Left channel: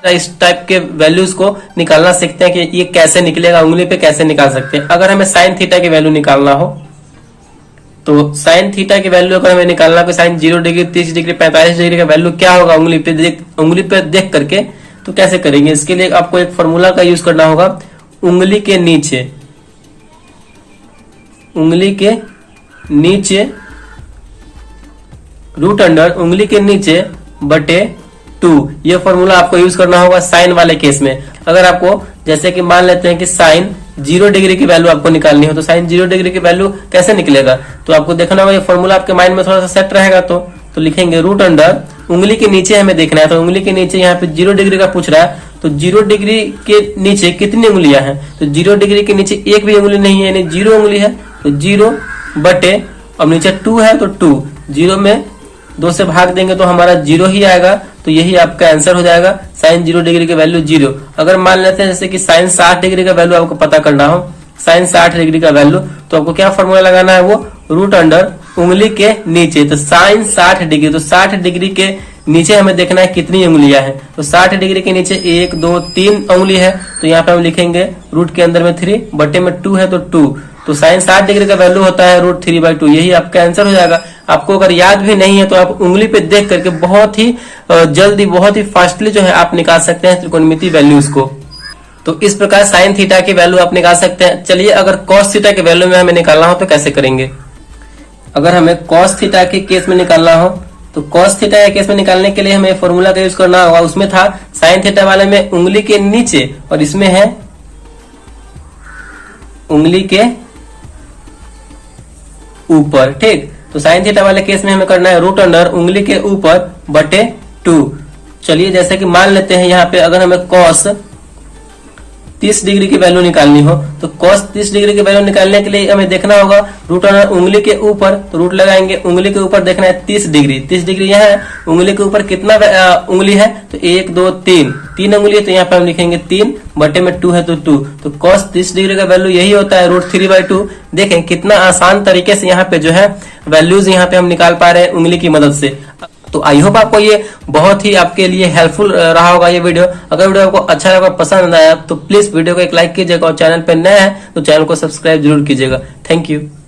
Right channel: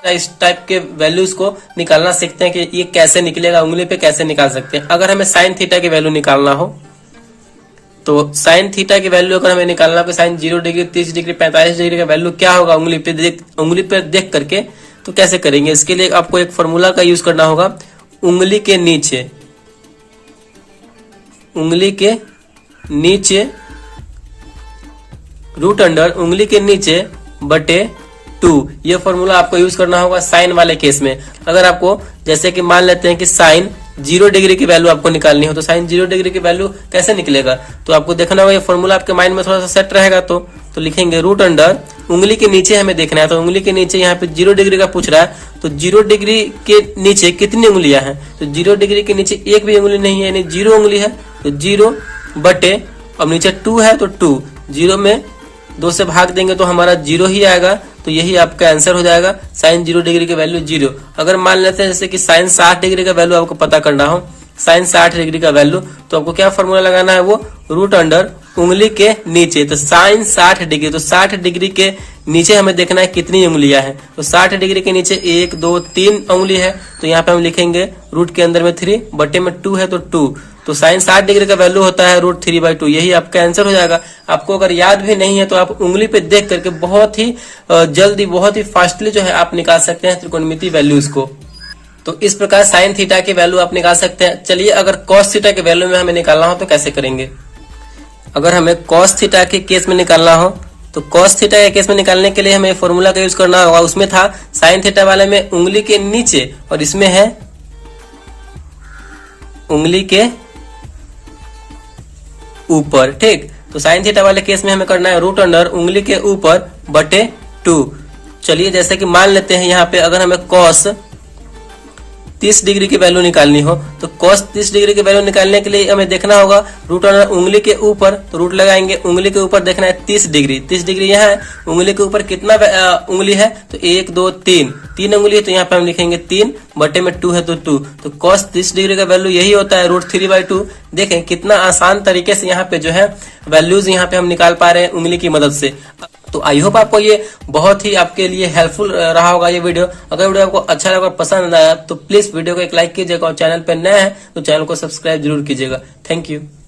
इस टाइप के वैल्यूज को निकालना सीखते हैं कि ये कैसे निकलेगा, उंगली पे कैसे निकाल सकते हैं। अगर हमें साइन थीटा की वैल्यू निकालना हो तो साइन थीटा की वैल्यू अगर हमें निकालना हो, साइन 0 डिग्री, 30 डिग्री, 45 डिग्री का वैल्यू क्या होगा उंगली पे देख करके, तो कैसे करेंगे। इसके लिए आपको एक फॉर्मूला का यूज करना होगा। उंगली के नीचे रूट अंडर उंगली के नीचे बटे 2, ये फॉर्मूला आपको यूज करना होगा साइन वाले केस में। अगर आपको जैसे कि मान लेते हैं कि साइन 0 डिग्री की वैल्यू आपको निकालनी है, तो साइन 0 डिग्री की वैल्यू कैसे निकलेगा, तो आपको देखना होगा ये फॉर्मूला आपके माइंड में थोड़ा सा सेट रहेगा। तो लिखेंगे रूट अंडर उंगली के नीचे हमें देखना है, तो उंगली के नीचे यहाँ पे 0 डिग्री का पूछ रहा है, तो 0 डिग्री के नीचे कितनी उंगलियां हैं, तो 0 डिग्री के नीचे एक भी उंगली नहीं है, यानी 0 उंगली है, तो 0 बटे, अब नीचे 2 है तो 2, 0 में 2 से भाग देंगे तो हमारा 0 ही आएगा, तो यही आपका आंसर हो जाएगा। साइन 0 डिग्री की वैल्यू 0। अगर मान लेते हैं जैसे कि साइन 60 डिग्री का वैल्यू आपको पता करना हो, साइन 60 डिग्री का वैल्यू, तो आपको क्या फॉर्मूला लगाना है, वो रूट अंडर उंगली के नीचे, तो साइन 60 डिग्री, तो 60 डिग्री के नीचे हमें देखना है कितनी उंगलियां हैं, तो 60 डिग्री के नीचे 1 2 3 उंगली है, तो यहाँ पे हम लिखेंगे रूट के अंदर में 3, बटे में 2 है तो 2, तो साइन 60 डिग्री का वैल्यू होता है रूट 3/2, यही आपका आंसर हो जाएगा। आपको अगर याद भी नहीं है तो आप उंगली पे देख करके बहुत ही जल्दी, बहुत ही फास्टली जो है आप निकाल सकते हैं त्रिकोणमितीय वैल्यूज को। तो इस प्रकार साइन थीटा की वैल्यू आप निकाल सकते हैं। चलिए अगर कॉस थीटा की वैल्यू में हमें निकालना हो तो कैसे करेंगे। अगर हमें कॉस थीटा के केस में निकालना हो तो कॉस थीटा के केस में निकालने के लिए हमें फॉर्मूला का यूज करना होगा। उसमें था साइन थीटा वाले में उंगली के नीचे और इसमें है उंगली के ऊपर, ठीक। तो साइन थीटा वाले केस में हमें करना है रूट अंडर उंगली के ऊपर बटे 2। चलिए जैसे कि मान लेते हैं यहाँ पे अगर हमें कॉस 30 डिग्री की वैल्यू निकालनी हो तो कॉस 30 डिग्री की वैल्यू निकालने के लिए हमें देखना होगा रूट अंडर उंगली के ऊपर, तो रूट लगाएंगे, उंगली के ऊपर देखना है 30 डिग्री, 30 डिग्री यहाँ है, उंगली के ऊपर कितना उंगली है, तो 1 2 3 उंगली है, तो यहाँ पे हम लिखेंगे 3 बटे में 2 है तो 2, तो कॉस 30 डिग्री का वैल्यू यही होता है रूट 3/2। देखें कितना आसान तरीके से यहाँ पे जो है वैल्यूज यहाँ पे हम निकाल पा रहे हैं उंगली की मदद से। तो आई होप आपको ये बहुत ही आपके लिए हेल्पफुल रहा होगा ये वीडियो। अगर वीडियो आपको अच्छा लगा, पसंद आया तो प्लीज वीडियो को एक लाइक कीजिएगा और चैनल पर नया है तो चैनल को सब्सक्राइब जरूर कीजिएगा। Thank you.